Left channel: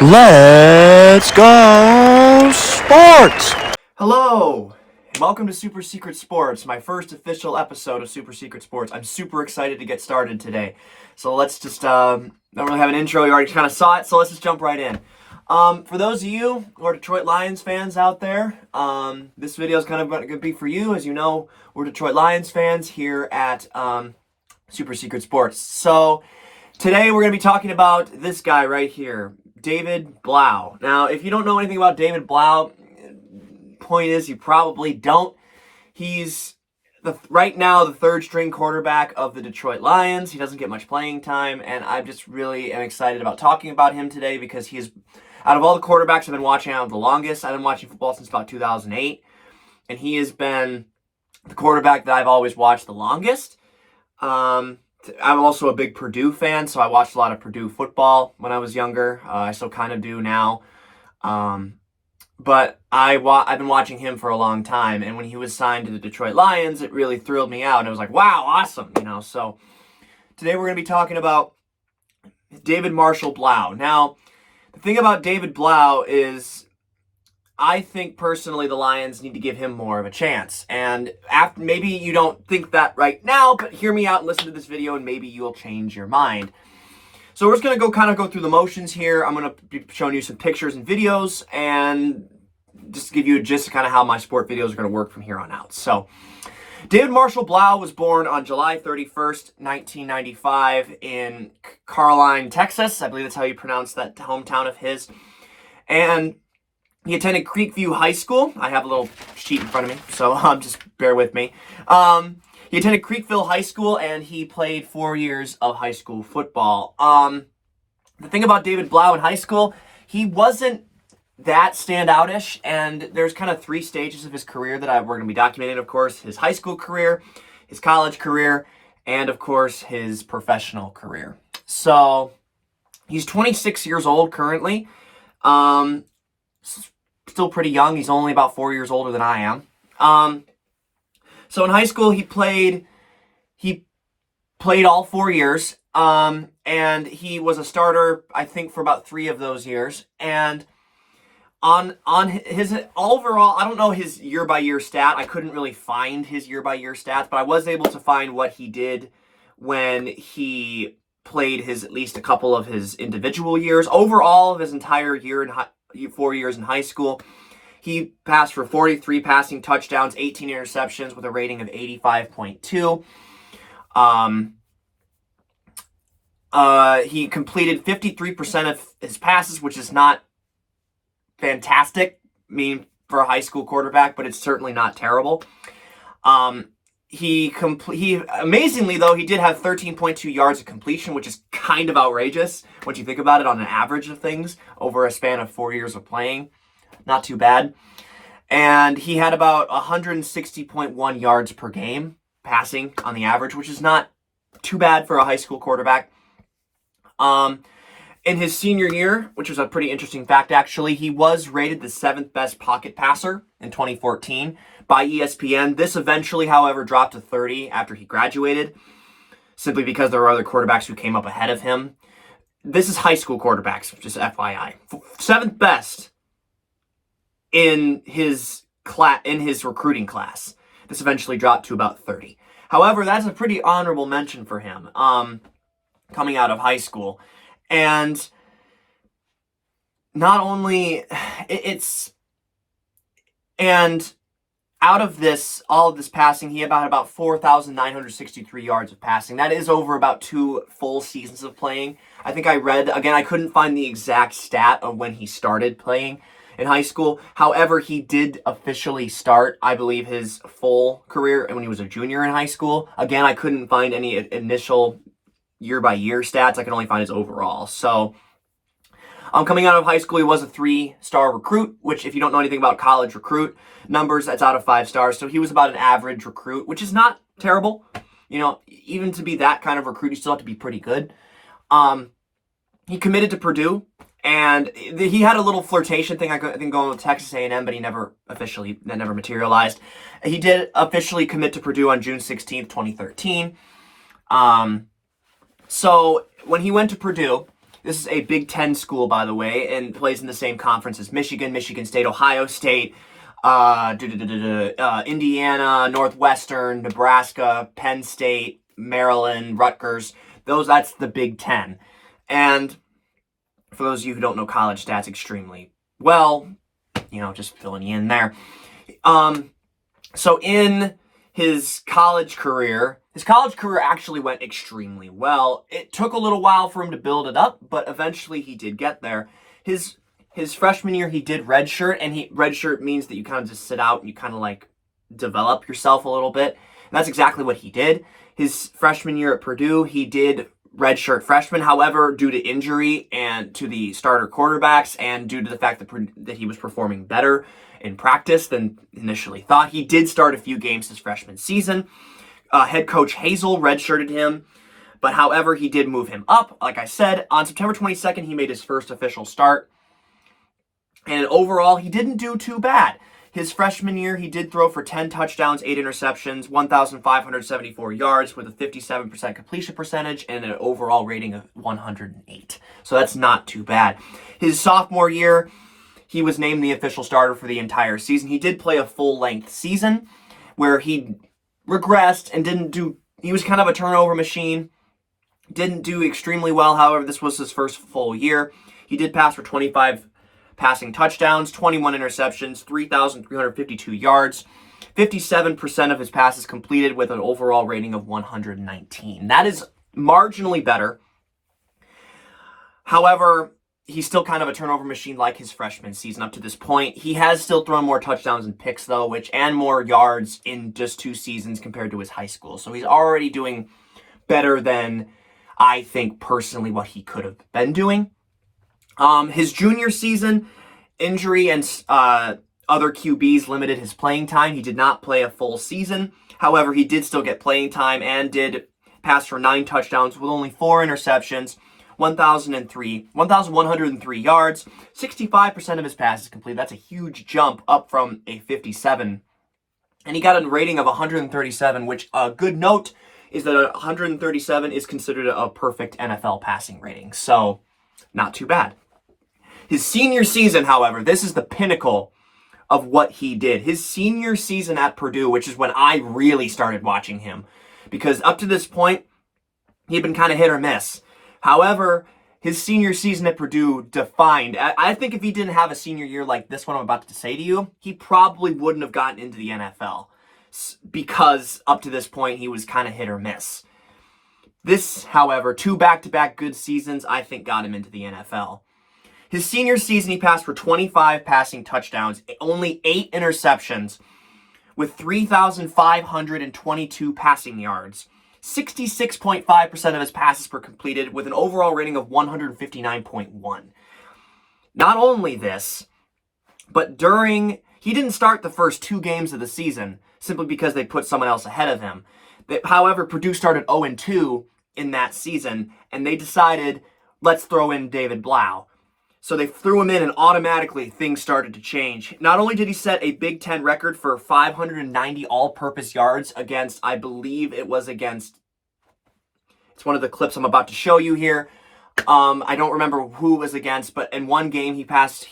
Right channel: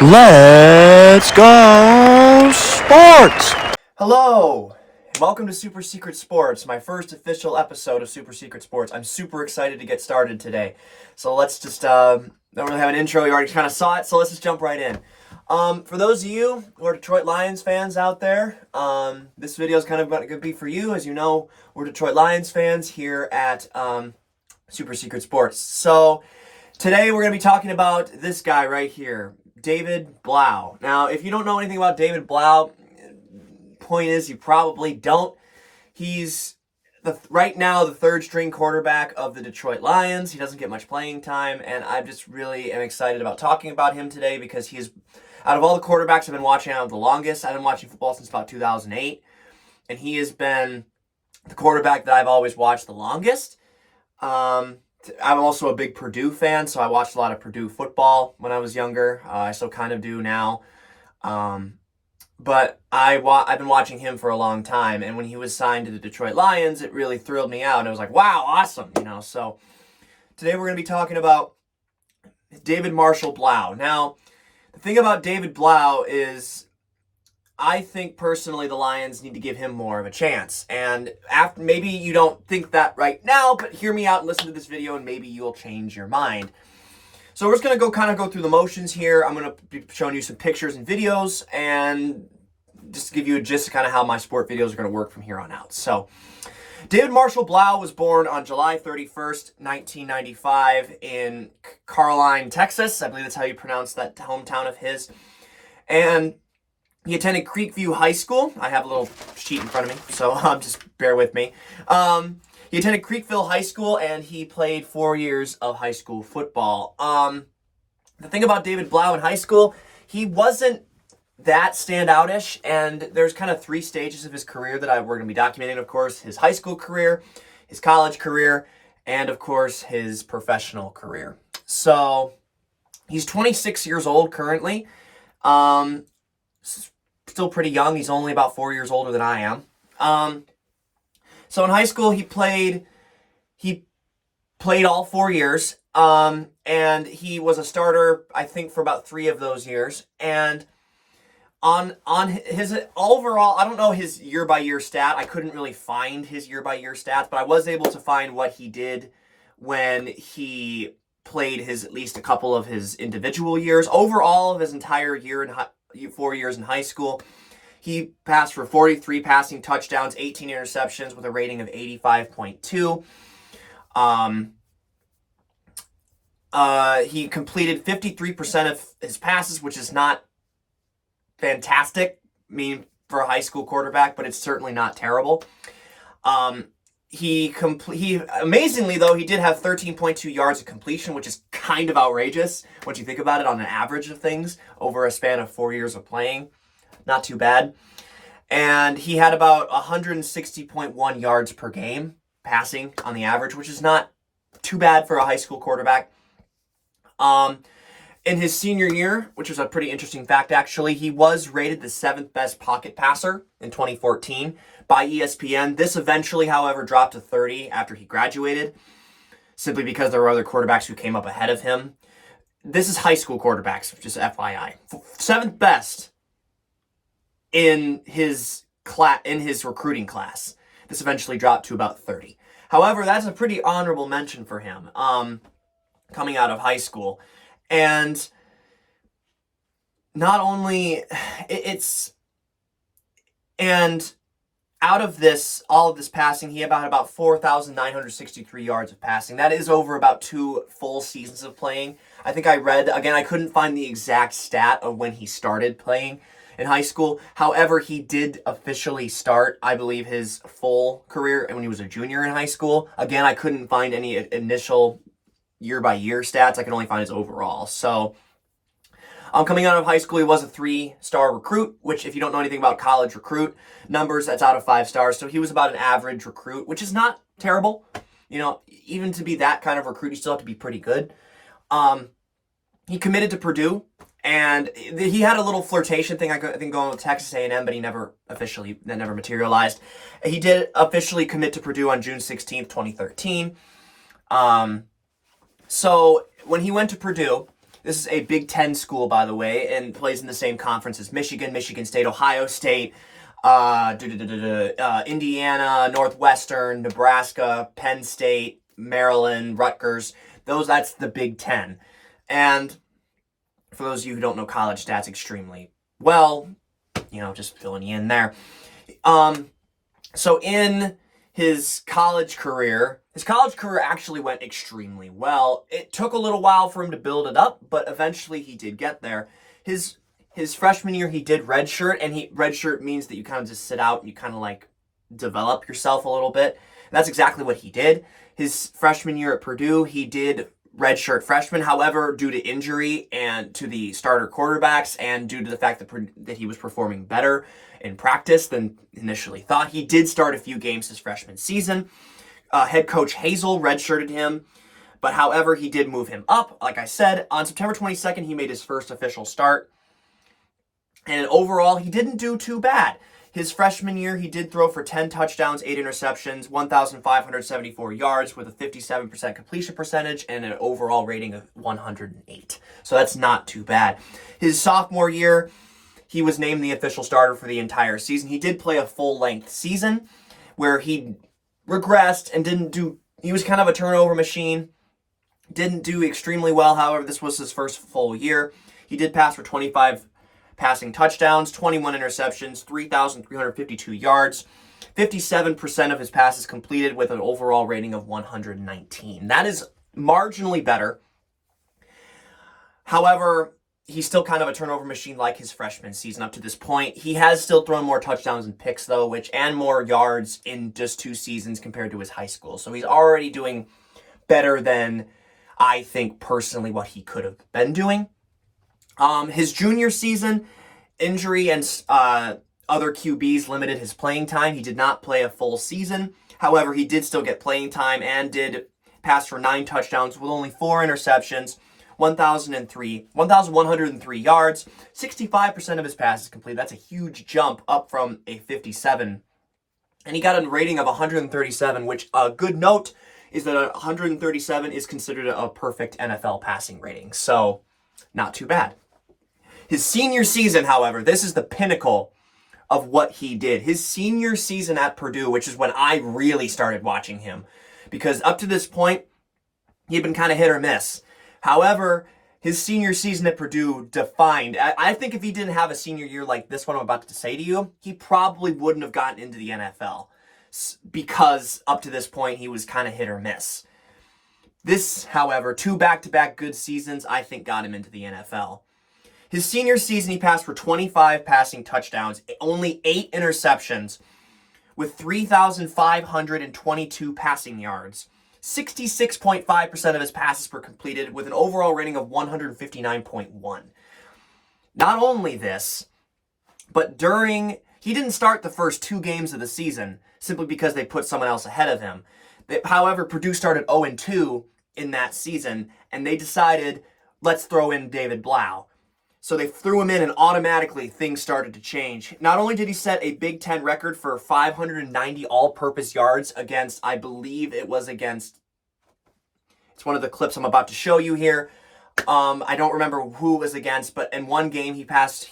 Let's go sports! Hello, and welcome to Super Secret Sports, my first official episode of Super Secret Sports. I'm super excited to get started today. So let's just, don't really have an intro, you already kind of saw it, so let's just jump right in. For those of you who are Detroit Lions fans out there, this video is kind of going to be for you. As you know, we're Detroit Lions fans here at Super Secret Sports. So today we're going to be talking about this guy right here, David Blough. Now, if you don't know anything about David Blough, point is you probably don't. He's right now the third string quarterback of the Detroit Lions. He doesn't get much playing time, and I just really am excited about talking about him today because he is, out of all the quarterbacks I've been watching out the longest, I've been watching football since about 2008, and he has been the quarterback that I've always watched the longest. I'm also a big Purdue fan, so I watched a lot of Purdue football when I was younger. I still kind of do now. But I've been watching him for a long time, and when he was signed to the Detroit Lions, it really thrilled me out, and I was like, wow, awesome, So today we're going to be talking about David Marshall Blough. Now, the thing about David Blough is I think personally the Lions need to give him more of a chance. And maybe you don't think that right now, but hear me out and listen to this video and maybe you'll change your mind. So we're just going to go through the motions here. I'm going to be showing you some pictures and videos and just to give you a gist of kind of how my sport videos are going to work from here on out. So David Marshall Blough was born on July 31st, 1995 in Caroline, Texas. I believe that's how you pronounce that hometown of his. And he attended Creekview High School. I have a little sheet in front of me, so just bear with me. He attended Creekville High School, and he played 4 years of high school football. The thing about David Blough in high school, he wasn't that standoutish, and there's kind of three stages of his career that we're going to be documenting, of course. His high school career, his college career, and, of course, his professional career. So he's 26 years old currently. Still pretty young. He's only about 4 years older than I am. So in high school, he played all 4 years, and he was a starter, I think, for about 3 of those years. And on his overall, I don't know his year-by-year stat. I couldn't really find his year-by-year stats, but I was able to find what he did when he played at least a couple of his individual years. Overall, of his entire year 4 years in high school, he passed for 43 passing touchdowns, 18 interceptions with a rating of 85.2. He completed 53% of his passes, which is not fantastic, for a high school quarterback, but it's certainly not terrible. He amazingly though, he did have 13.2 yards of completion, which is kind of outrageous once you think about it on an average of things over a span of 4 years of playing. Not too bad. And he had about 160.1 yards per game passing on the average, which is not too bad for a high school quarterback. In his senior year, which was a pretty interesting fact actually, he was rated the 7th best pocket passer in 2014 by ESPN. This eventually, however, dropped to 30 after he graduated, simply because there were other quarterbacks who came up ahead of him. This is high school quarterbacks, just FYI. 7th best in his recruiting class. This eventually dropped to about 30. However, that's a pretty honorable mention for him, coming out of high school. And not only and out of all of this passing, he had about 4,963 yards of passing. That is over about 2 full seasons of playing. I think I read, again, I couldn't find the exact stat of when he started playing in high school. However, he did officially start, I believe, his full career when he was a junior in high school. Again, I couldn't find any initial year-by-year stats. I could only find his overall. So, coming out of high school, he was a 3-star recruit, which if you don't know anything about college recruit numbers, that's out of 5 stars. So he was about an average recruit, which is not terrible. Even to be that kind of recruit, you still have to be pretty good. He committed to Purdue, and he had a little flirtation thing, I think, going with Texas A&M, but that never materialized. He did officially commit to Purdue on June 16th, 2013. So when he went to Purdue, This is a Big Ten school, by the way, and plays in the same conference as Michigan, Michigan State, Ohio State, Indiana, Northwestern, Nebraska, Penn State, Maryland, Rutgers. That's the Big Ten. And for those of you who don't know college stats extremely well, just filling you in there. So in his college career actually went extremely well. It took a little while for him to build it up, but eventually he did get there. His freshman year, he did redshirt, and redshirt means that you kind of just sit out and you kind of like develop yourself a little bit. And that's exactly what he did. His freshman year at Purdue, he did redshirt freshman. However, due to injury and to the starter quarterbacks and due to the fact that he was performing better in practice than initially thought, he did start a few games his freshman season. Head coach Hazel redshirted him, but however, he did move him up. Like I said, on September 22nd, he made his first official start. And overall, he didn't do too bad. His freshman year, he did throw for 10 touchdowns, 8 interceptions, 1,574 yards with a 57% completion percentage and an overall rating of 108. So that's not too bad. His sophomore year, he was named the official starter for the entire season. He did play a full-length season where he regressed and he was kind of a turnover machine. Didn't do extremely well. However, this was his first full year. He did pass for 25 passing touchdowns, 21 interceptions, 3,352 yards, 57% of his passes completed with an overall rating of 119. That is marginally better. However, he's still kind of a turnover machine like his freshman season up to this point. He has still thrown more touchdowns and picks, though, and more yards in just 2 seasons compared to his high school. So he's already doing better than I think personally what he could have been doing. His junior season, injury and other QBs limited his playing time. He did not play a full season. However, he did still get playing time and did pass for 9 touchdowns with only 4 interceptions, 1,103 yards, 65% of his passes completed. That's a huge jump up from a 57. And he got a rating of 137, which a good note is that 137 is considered a perfect NFL passing rating. So, not too bad. His senior season, however, this is the pinnacle of what he did. His senior season at Purdue, which is when I really started watching him, because up to this point, he'd been kind of hit or miss. However, his senior season at Purdue defined. I think if he didn't have a senior year like this one I'm about to say to you, he probably wouldn't have gotten into the NFL, because up to this point, he was kind of hit or miss. This, however, 2 back-to-back good seasons, I think got him into the NFL. His senior season, he passed for 25 passing touchdowns, only 8 interceptions, with 3,522 passing yards. 66.5% of his passes were completed with an overall rating of 159.1. Not only this, but he didn't start the first 2 games of the season simply because they put someone else ahead of him. However, Purdue started 0-2 in that season, and they decided, let's throw in David Blough. So they threw him in, and automatically things started to change. Not only did he set a Big Ten record for 590 all-purpose yards it's one of the clips I'm about to show you here. I don't remember who it was against, but in one game he passed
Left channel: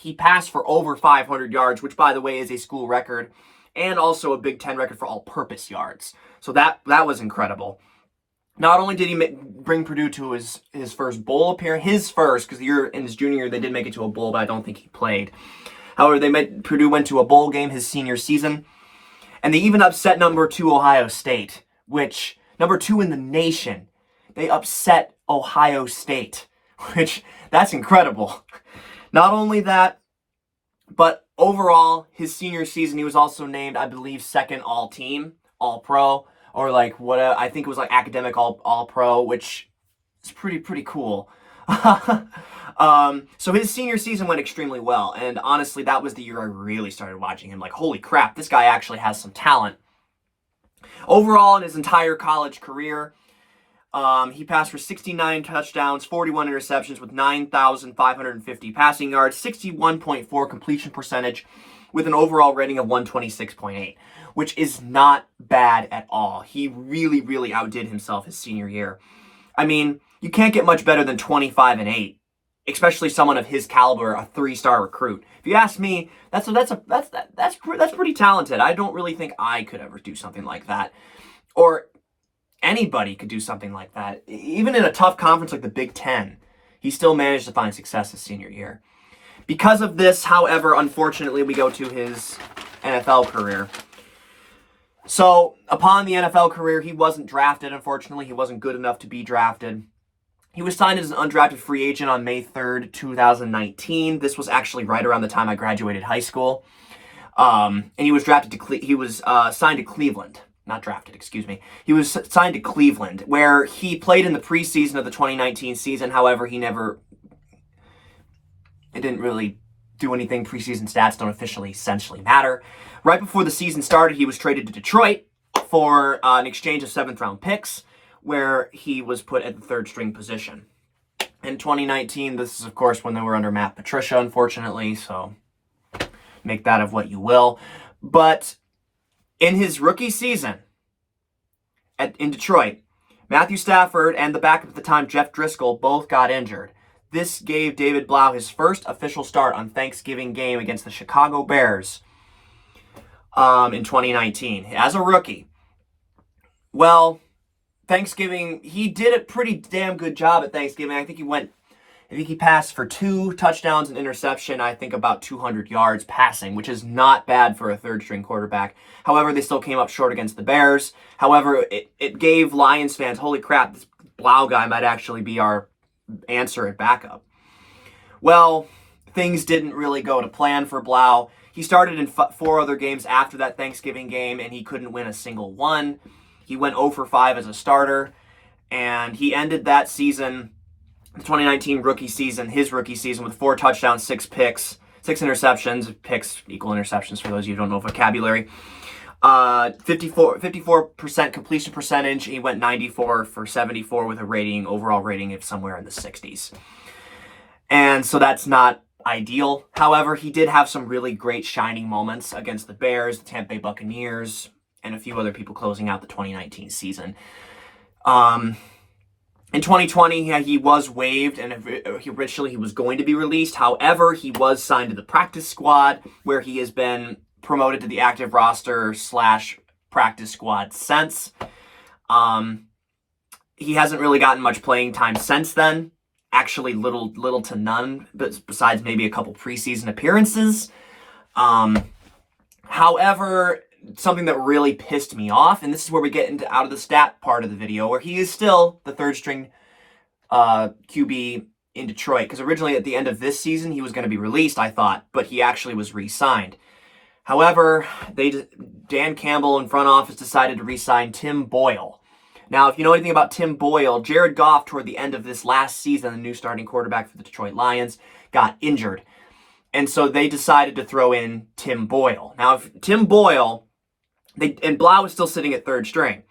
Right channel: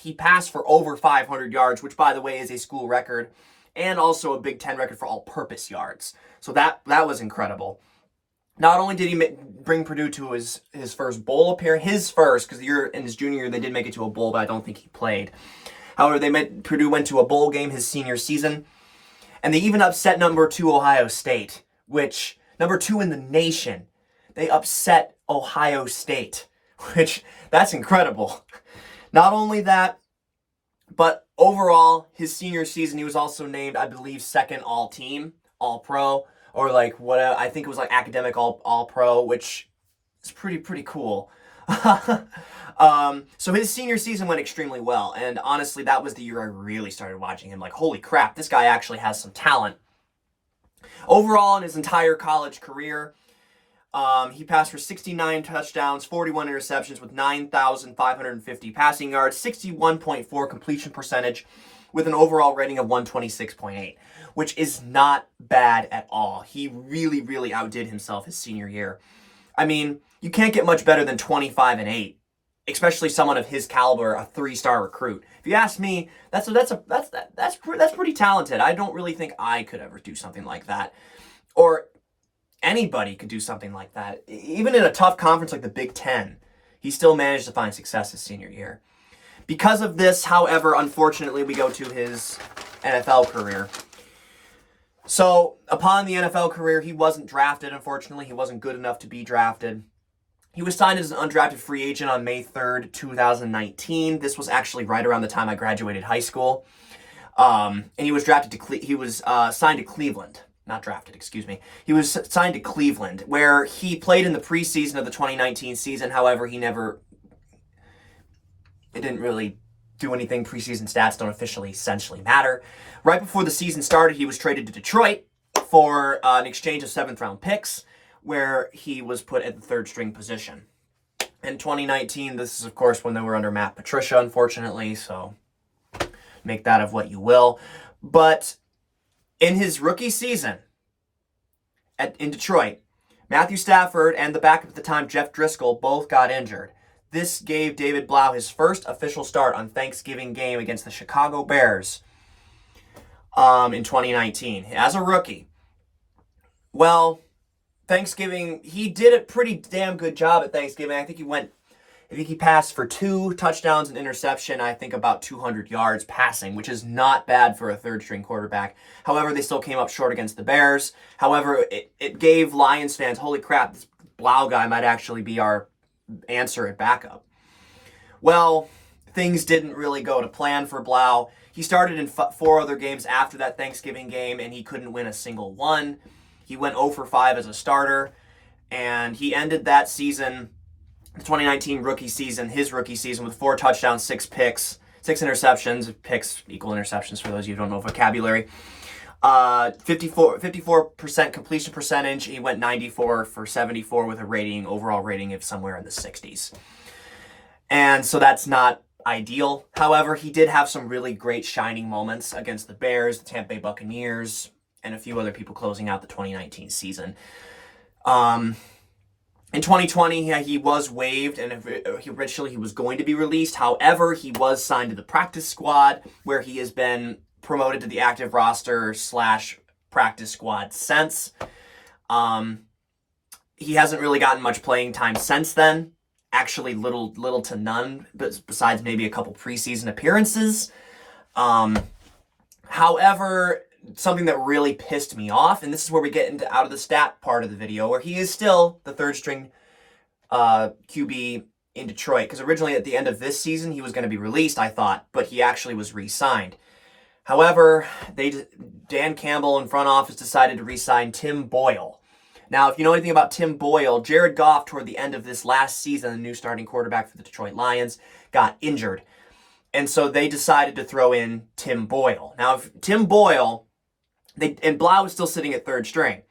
for over 500 yards, which, by the way, is a school record, and also a Big Ten record for all-purpose yards. So that was incredible. Not only did he bring Purdue to his first bowl appearance, because in his junior year they did make it to a bowl, but I don't think he played. However, Purdue went to a bowl game his senior season, and they even upset number 2 Ohio State, which number 2 in the nation. They upset Ohio State, which that's incredible. Not only that, but overall, his senior season, he was also named, I believe, 2nd all-team, all-pro, or I think it was academic all-pro, which is pretty cool. So his senior season went extremely well, and honestly, that was the year I really started watching him. Holy crap, this guy actually has some talent. Overall, in his entire college career, he passed for 69 touchdowns, 41 interceptions with 9,550 passing yards, 61.4 completion percentage with an overall rating of 126.8, which is not bad at all. He really, really outdid himself his senior year. I mean, you can't get much better than 25-8 especially someone of his caliber, a 3-star recruit. If you ask me, that's pretty talented. I don't really think I could ever do something like that, or anybody could do something like that. Even in a tough conference like the Big Ten, he still managed to find success his senior year. Because of this, however, unfortunately, we go to his NFL career. So, upon the NFL career, he wasn't drafted, unfortunately. He wasn't good enough to be drafted. He was signed as an undrafted free agent on May 3rd, 2019. This was actually right around the time I graduated high school. And he was signed to Cleveland. Not drafted, excuse me. He was signed to Cleveland, where he played in the preseason of the 2019 season. However, it didn't really do anything. Preseason stats don't essentially matter. Right before the season started, he was traded to Detroit for an exchange of 7th-round picks, where he was put at the 3rd-string position. In 2019, this is, of course, when they were under Matt Patricia, unfortunately, so make that of what you will. But in his rookie season in Detroit, Matthew Stafford and the backup at the time, Jeff Driscoll, both got injured. This gave David Blough his first official start on Thanksgiving game against the Chicago Bears in 2019 as a rookie. Well, Thanksgiving, he did a pretty damn good job at Thanksgiving. I think he passed for 2 touchdowns and interception, I think about 200 yards passing, which is not bad for a 3rd-string quarterback. However, they still came up short against the Bears. However, it gave Lions fans, holy crap, this Blough guy might actually be our answer at backup. Well, things didn't really go to plan for Blough. He started in 4 other games after that Thanksgiving game, and he couldn't win a single one. He went 0 for 5 as a starter, and he ended that season, the 2019 his rookie season, with 4 touchdowns, 6 picks, 6 interceptions. Picks equal interceptions for those of you who don't know vocabulary. 54% completion percentage. He went 94 for 74 with a overall rating of somewhere in the 60s. And so that's not ideal. However, he did have some really great shining moments against the Bears, the Tampa Bay Buccaneers, and a few other people closing out the 2019 season. In 2020, he was waived, and originally he was going to be released. However, he was signed to the practice squad, where he has been promoted to the active roster / practice squad since. He hasn't really gotten much playing time since then. Actually, little to none, besides maybe a couple preseason appearances. However, something that really pissed me off, and this is where we get out of the stat part of the video, where he is still the 3rd-string QB in Detroit, because originally at the end of this season he was going to be released, I thought, but he actually was re-signed. However, Dan Campbell in front office decided to re-sign Tim Boyle. Now, if you know anything about Tim Boyle, Jared Goff, toward the end of this last season, the new starting quarterback for the Detroit Lions, got injured. And so they decided to throw in Tim Boyle. Now, if Tim Boyle, and Blough was still sitting at 3rd string.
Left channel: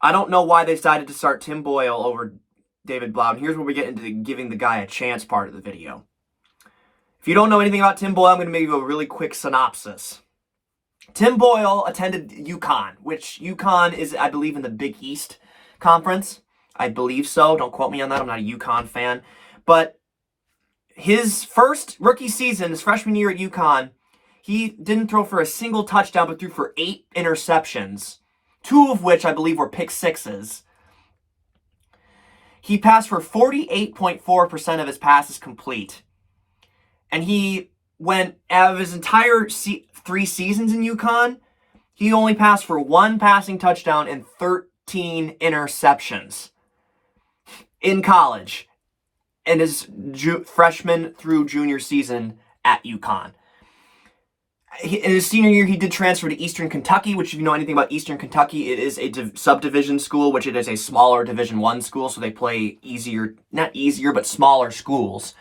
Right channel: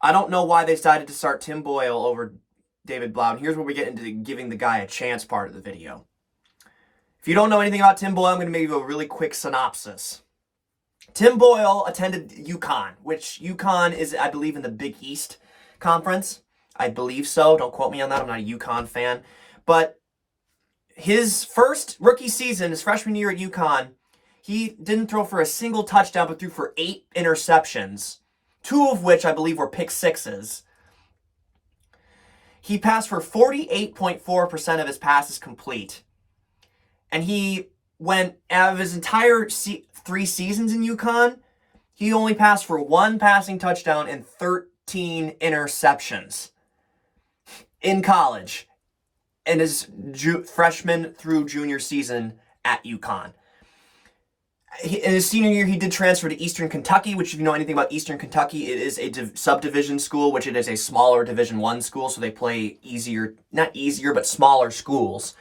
I don't know why they decided to start Tim Boyle over David Blough. And here's where we get into the giving the guy a chance part of the video. If you don't know anything about Tim Boyle, I'm going to give you a really quick synopsis. Tim Boyle attended UConn, which UConn is, I believe, in the Big East Conference. I believe so. Don't quote me on that. I'm not a UConn fan. But his first rookie season, his freshman year at UConn, he didn't throw for a single touchdown, but threw for 8 interceptions, 2 of which I believe were pick sixes. He passed for 48.4% of his passes complete. And he went out of his entire 3 seasons in UConn, he only passed for 1 passing touchdown and 13 interceptions in college in his freshman through junior season at UConn. In his senior year, he did transfer to Eastern Kentucky, which if you know anything about Eastern Kentucky, it is a subdivision school, which it is a smaller Division I school, so they play not easier, but smaller schools,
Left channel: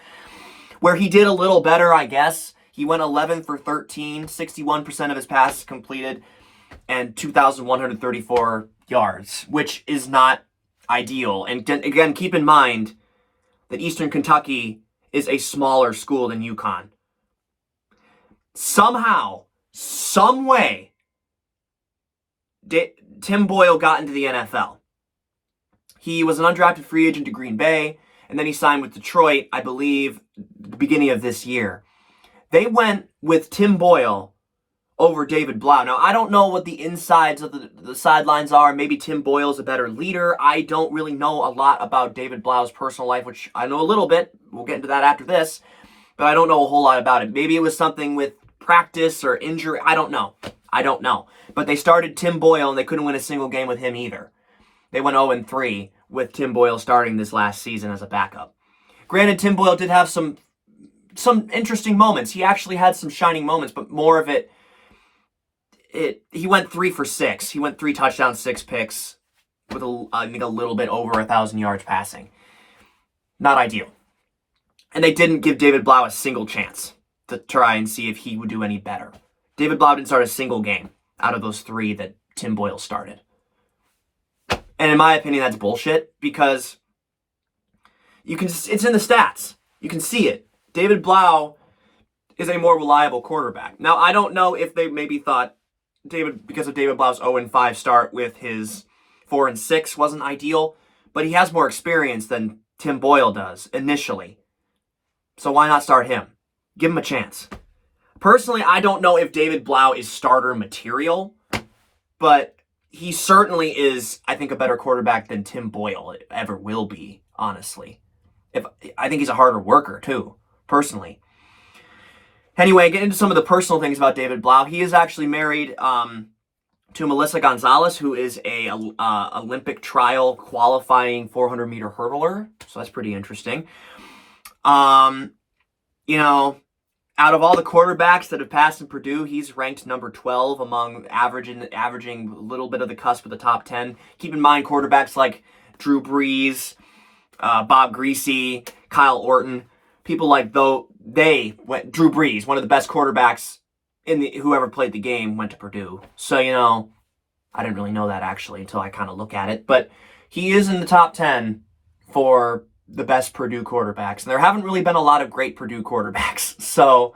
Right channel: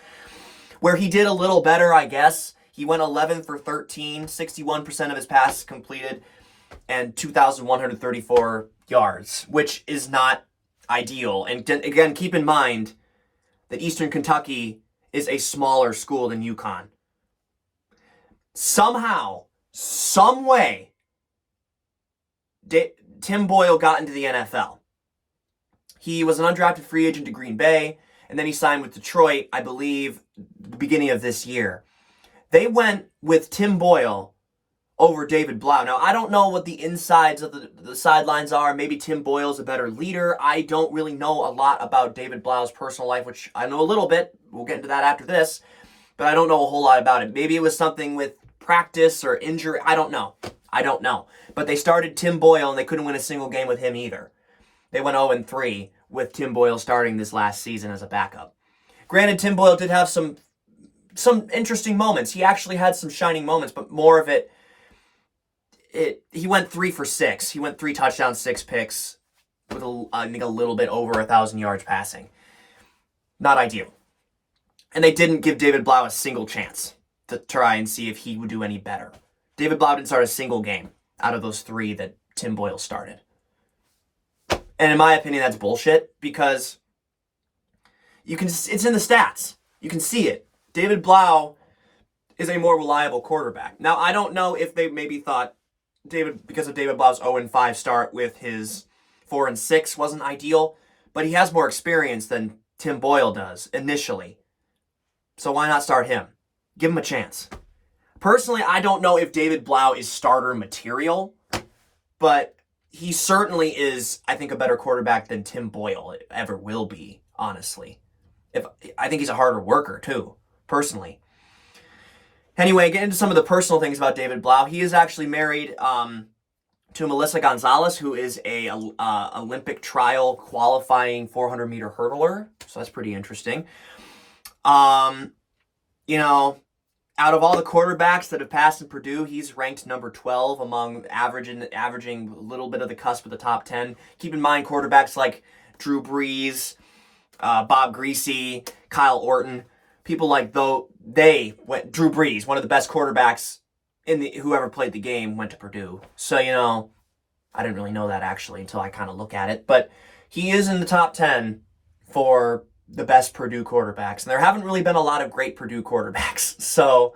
where he did a little better, I guess. He went 11 for 13, 61% of his passes completed, and 2,134 yards, which is not ideal. And again, keep in mind that Eastern Kentucky is a smaller school than UConn. Somehow, some way, Tim Boyle got into the NFL. He was an undrafted free agent to Green Bay. and then he signed with Detroit, I believe, the beginning of this year. They went with Tim Boyle over David Blough. Now, I don't know what the insides of the sidelines are. Maybe Tim Boyle's a better leader. I don't really know a lot about David Blough's personal life, which I know a little bit. We'll get into that after this. But I don't know a whole lot about it. Maybe it was something with practice or injury. I don't know. But they started Tim Boyle, and they couldn't win a single game with him either. They went 0-3 with Tim Boyle starting this last season as a backup. Granted, Tim Boyle did have some interesting moments. He actually had some shining moments, but more of it, he went 3 for 6. He went 3 touchdowns, 6 picks, with I think a little bit over 1,000 yards passing. Not ideal. And they didn't give David Blough a single chance to try and see if he would do any better. David Blough didn't start a single game out of those 3 that Tim Boyle started. And in my opinion, that's bullshit, because it's in the stats. You can see it. David Blough is a more reliable quarterback. Now, I don't know if they maybe thought because of David Blough's 0-5 start with his 4-6 wasn't ideal, but he has more experience than Tim Boyle does initially. So why not start him? Give him a chance. Personally, I don't know if David Blough is starter material, but he certainly is, I think, a better quarterback than Tim Boyle ever will be, honestly. I think he's a harder worker, too, personally. Anyway, get into some of the personal things about David Blough. He is actually married to Melissa Gonzalez, who is a Olympic trial qualifying 400-meter hurdler. So that's pretty interesting. Out of all the quarterbacks that have passed in Purdue, he's ranked number 12 among averaging a little bit of the cusp of the top 10. Keep in mind quarterbacks like Drew Brees, Bob Greasy, Kyle Orton, people like Drew Brees, one of the best quarterbacks who ever played the game, went to Purdue. So, I didn't really know that actually until I kind of look at it. But he is in the top 10 for the best Purdue quarterbacks. And there haven't really been a lot of great Purdue quarterbacks. So,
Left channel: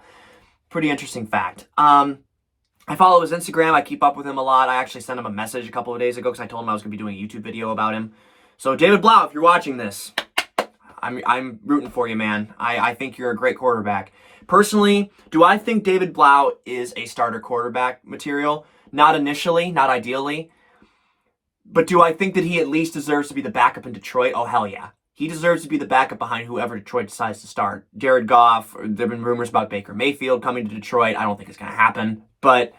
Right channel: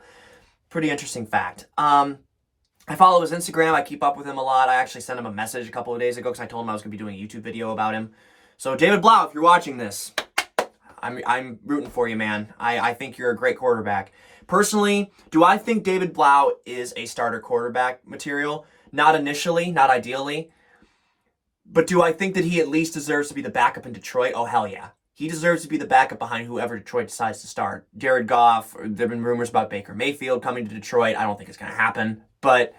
pretty interesting fact. I follow his Instagram. I keep up with him a lot. I actually sent him a message a couple of days ago because I told him I was going to be doing a YouTube video about him. So, David Blough, if you're watching this, I'm rooting for you, man. I think you're a great quarterback. Personally, do I think David Blough is a starter quarterback material? Not initially, not ideally. But do I think that he at least deserves to be the backup in Detroit? Oh, hell yeah. He deserves to be the backup behind whoever Detroit decides to start. Jared Goff, there have been rumors about Baker Mayfield coming to Detroit. I don't think it's going to happen. But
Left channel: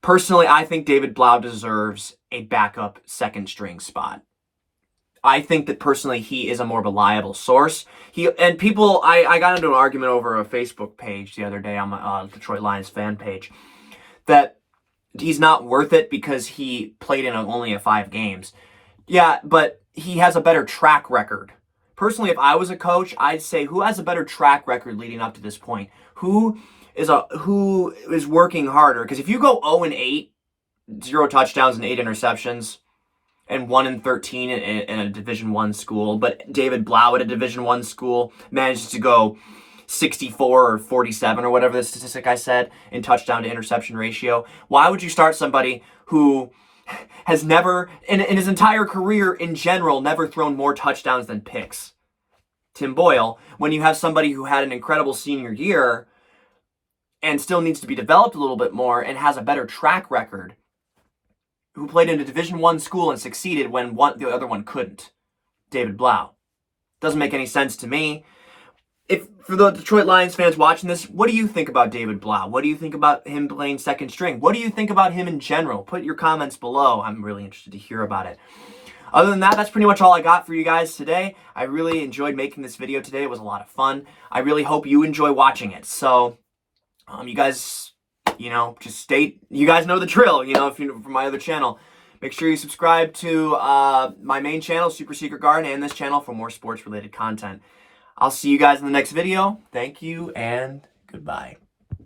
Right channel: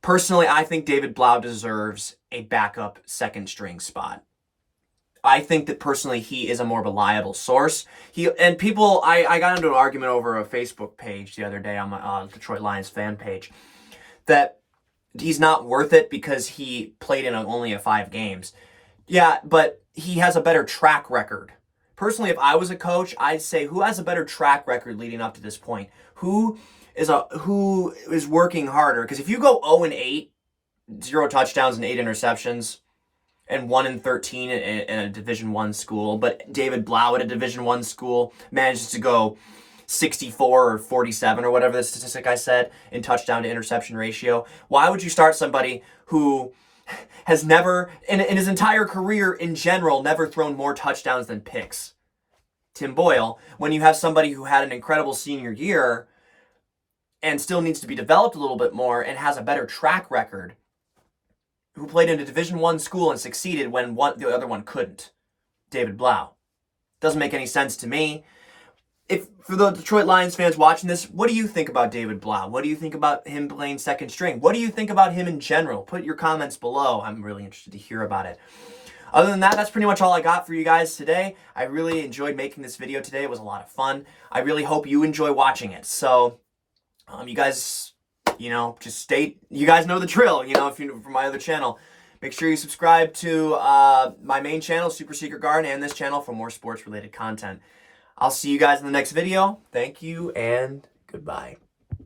personally, I think David Blough deserves a backup second-string spot. I think that personally he is a more reliable source. I got into an argument over a Facebook page the other day on my Detroit Lions fan page that he's not worth it because he played in only 5 games. Yeah, but he has a better track record. Personally, if I was a coach, I'd say who has a better track record leading up to this point? Who is working harder? Because if you go 0-8, 0 touchdowns and 8 interceptions, and 1-13 in a Division I school, but David Blough at a Division I school manages to go 64 or 47 or whatever the statistic I said in touchdown to interception ratio. Why would you start somebody who has never, in his entire career in general, never thrown more touchdowns than picks? Tim Boyle, when you have somebody who had an incredible senior year and still needs to be developed a little bit more and has a better track record, who played in a Division I school and succeeded when the other one couldn't. David Blough. Doesn't make any sense to me. For the Detroit Lions fans watching this, what do you think about David Blough? What do you think about him playing second string? What do you think about him in general? Put your comments below. I'm really interested to hear about it. Other than that, that's pretty much all I got for you guys today. I really enjoyed making this video today. It was a lot of fun. I really hope you enjoy watching it. So, you guys, just you guys know the drill, if you're from my other channel. Make sure you subscribe to my main channel, Super Secret Garden, and this channel for more sports-related content. I'll see you guys in the next video. Thank you, and goodbye.